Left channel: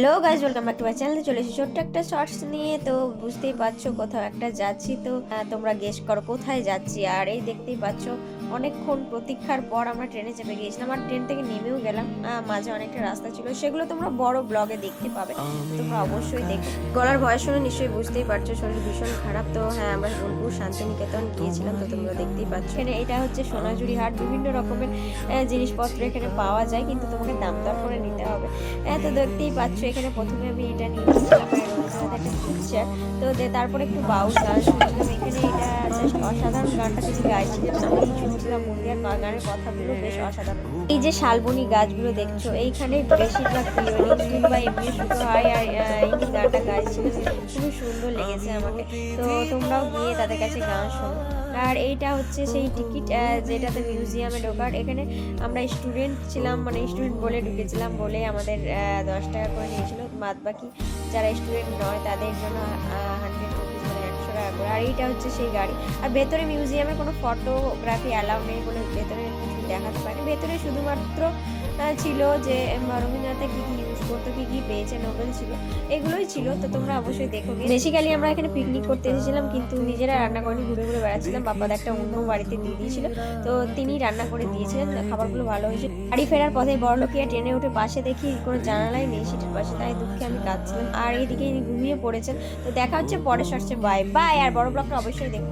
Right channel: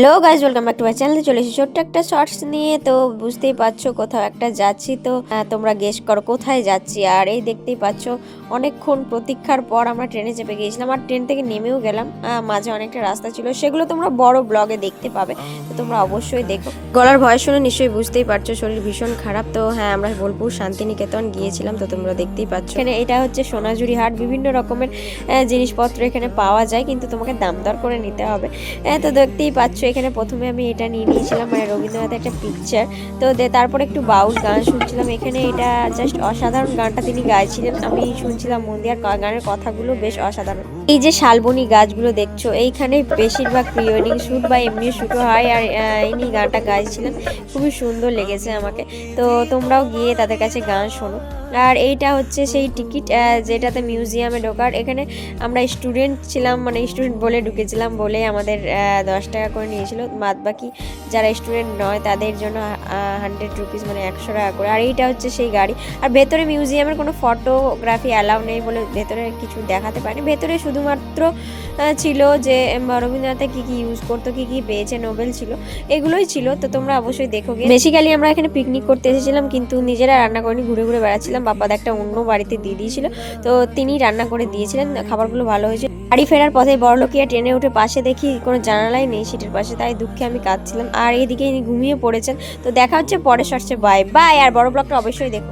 Hello guys, welcome back to my চ্যানেলে। চলে এসেছি ছোট্ট একটা শর্টস নিয়ে। তো বুঝতেই পারছো কোথাও একটা যাচ্ছি। তো তোমরা গেস করো কোথায় যাচ্ছি। আর এই দেখতেই পাচ্ছো অনেকক্ষণ প্রতীক্ষার পর আমরা ট্রেনে চেপে গিয়েছিলাম আর ট্রেন থেকে নেমেও গেলাম। মাঝে অনেকটা রাস্তা ছিল, সেগুলো তোমরা বড় ব্লগে দেখতে পাবে, তো তোমরা অবশ্যই দেখো। গলার ভয়েস শুনে নিশ্চয়ই বুঝতেই পারছো শরীর ভীষণ খারাপ। তো হ্যাঁ, আমরা বোলপুর শান্তিনিকেতন গিয়েছিলাম, তো তোমরা দেখতেই পাচ্ছ। এখানে এটা হচ্ছে সোনাঝুরি হাট, বিভিন্ন রকমের জিনিসপত্র এখানে পাওয়া যায়, কিন্তু তোমাকে দাম দর করে নিতে হবে। তো দেখতেই পাচ্ছ এখানে প্রথমে আমি এটা নিয়ে নিয়েছিলাম, মানে রবীন্দ্রনাথের একটা পিকচার। তো তারপরে একটু বাউল গান শুনছিলাম এখানে। এটা জাস্ট অসাধারণ গানটা তিনি গাইছিলেন, আমি শুনছিলাম মন দিয়ে। আর গানের কথাগুলো বেশ অসাধারণ। এই যে শালবনী গাছগুলো দেখছো, এইখানে বেশিরভাগ প্রি ওয়েডিং শ্যুট বা এমনি শ্যুটও হয়। আর ইনি গানটা গাইছিলেন, খুবই সুন্দর লেগেছে আমাকে। তো তোমরাও গিয়ে তাদের কাছে গান শোনো। আর এইটা হচ্ছে সেই টিকিট, যেটাতে মিউজিয়ামে ঢোকার। এখানে আমরা স্টুডেন্ট ছিলাম, মানে স্টুডেন্ট বলে ঢুকেছিলাম বলে আমাদের 10 টাকা করে নিয়েছিল। বাদ বাকি যারা স্টুডেন্ট নয় তাদের জন্য 100 রুপিস, মানে 100 টাকা করে। আর এইটা হচ্ছে সেই গাড়ি। আর ভেতরে মিউজিয়ামের কোনো ফটোগ্রাফি অ্যালাউ নেই বলে ভেতরে কিছু দেখাতে পারিনি। ভেতরে শুধুমাত্র ছিল যে রবীন্দ্রনাথ কী কী ইউজ করতো, কী কী পেয়েছে, নোবেল ছিল, এগুলোই ছিল। তো তোমরা অবশ্যই দেখো। বেসিক্যালি আমরা এখানে পিকনিক করতে এসেছিলাম, কিন্তু নিজেরা রান্না করিনি, ঘুরে ঘুরে বেড়াচ্ছিলাম। বাপ্পাদা একটা অন্য বাড়িতে দিয়ে দিয়েছিল, তো তিনি রান্না করে দিয়েছিলেন, খাবারগুলো ভালো হয়েছে। বাড়ি ফেরার পথে বড়লোকিয়া ট্রেনে উঠে পাশে দেখি কোনো জানালাই নেই সিটের পাশে, তাই দুঃখে আমি কাঁদছিলাম। আর এইদিকে ইনি ঘুমিয়ে পড়েছেন। তো দেখা হচ্ছে পরের শর্টসে। Bye bye. আর বড় ব্লগটা অবশ্যই দেখো।